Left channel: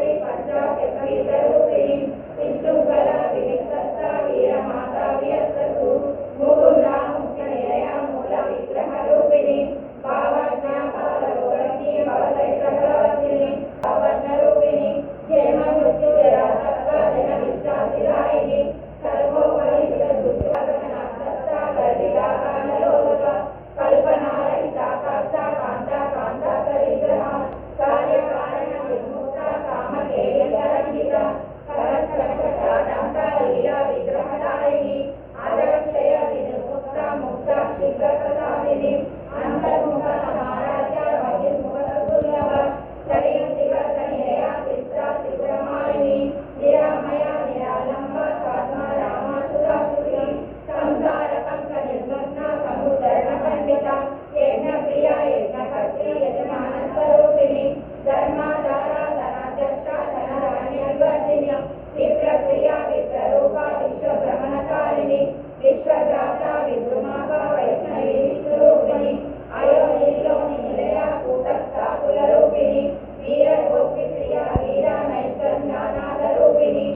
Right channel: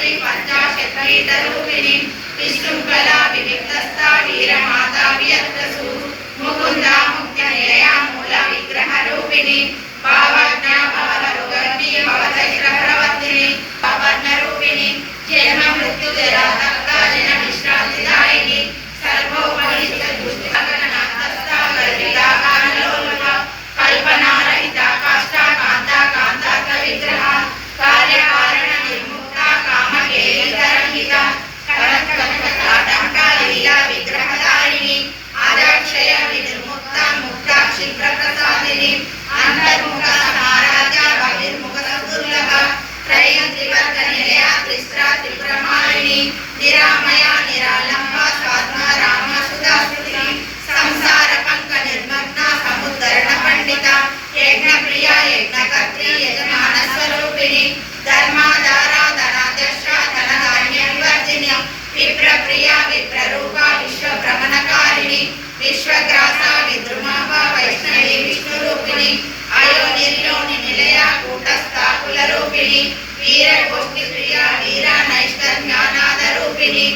రాత్రి పంచాశత్రీతరూపిణి విశృంఖలా వివిక్త వీరమాతా వియత్తసు ముకుందా విశ్వగ్రాస విద్రుమాభ వైష్ణవి విష్ణు రూపిణి అయోనిల్లోని నిలయ కూటస్థాకుల రూపిణి వీరగోష్ఠి ప్రియ వీర నైష్ట జ్ఞానాద రూపిణి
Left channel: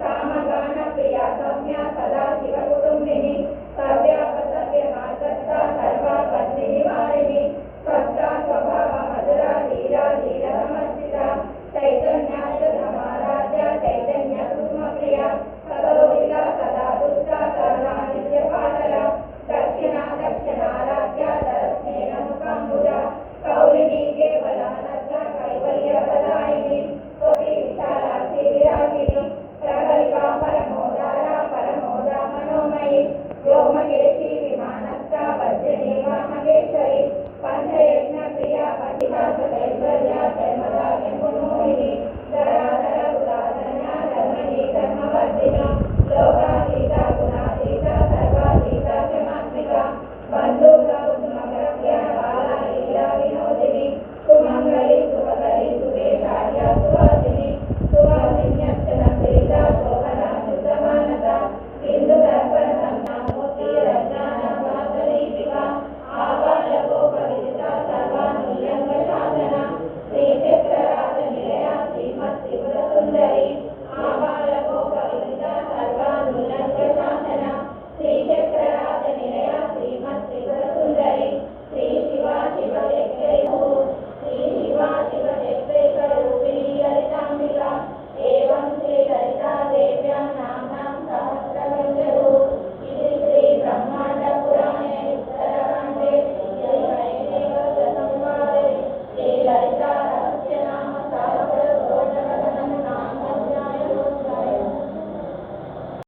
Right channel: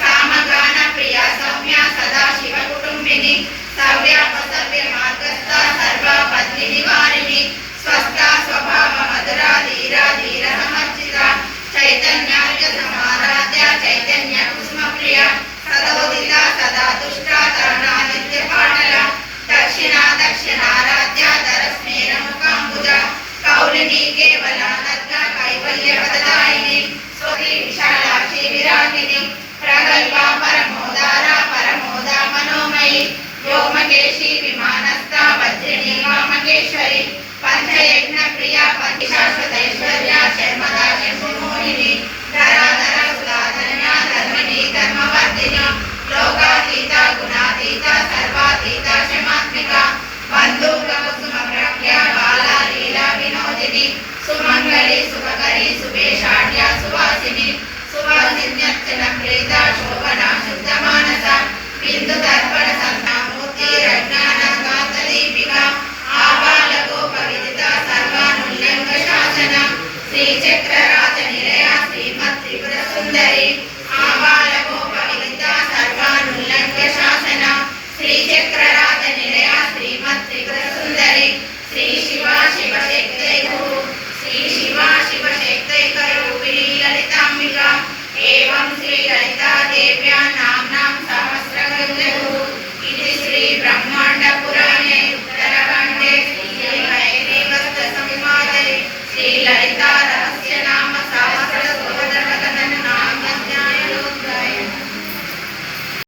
సామగాన ప్రియ సౌమ్య సదా కుటుంబిని సవ్యాప